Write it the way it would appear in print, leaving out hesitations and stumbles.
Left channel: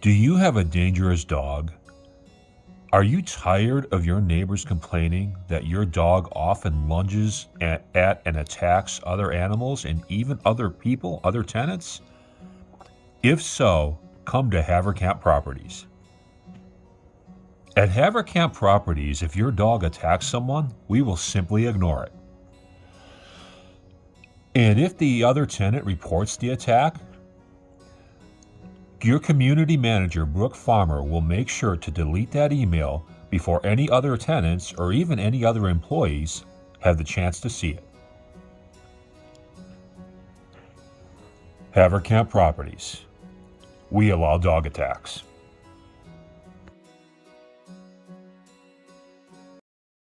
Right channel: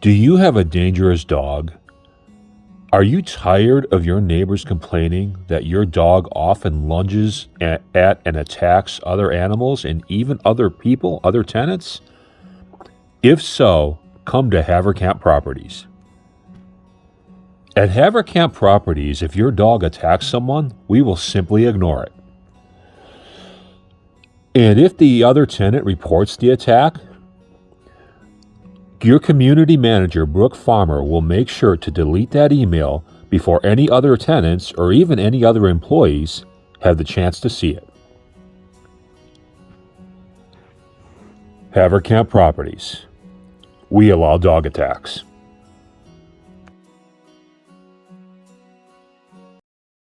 Do you have a dangerous dog? Are you tired of your neighbors complaining that your dog often lunges at and attacks other animals and even other people, other tenants? If so, come to Haverkamp Properties. At Haverkamp Properties, if your dog attacks someone, we will simply ignore it. And if the other tenant reports the attack, your community manager, Brooke Farmer, will make sure to delete that email before any other tenants or even any other employees have the chance to see it. Haverkamp Properties. We allow dog attacks.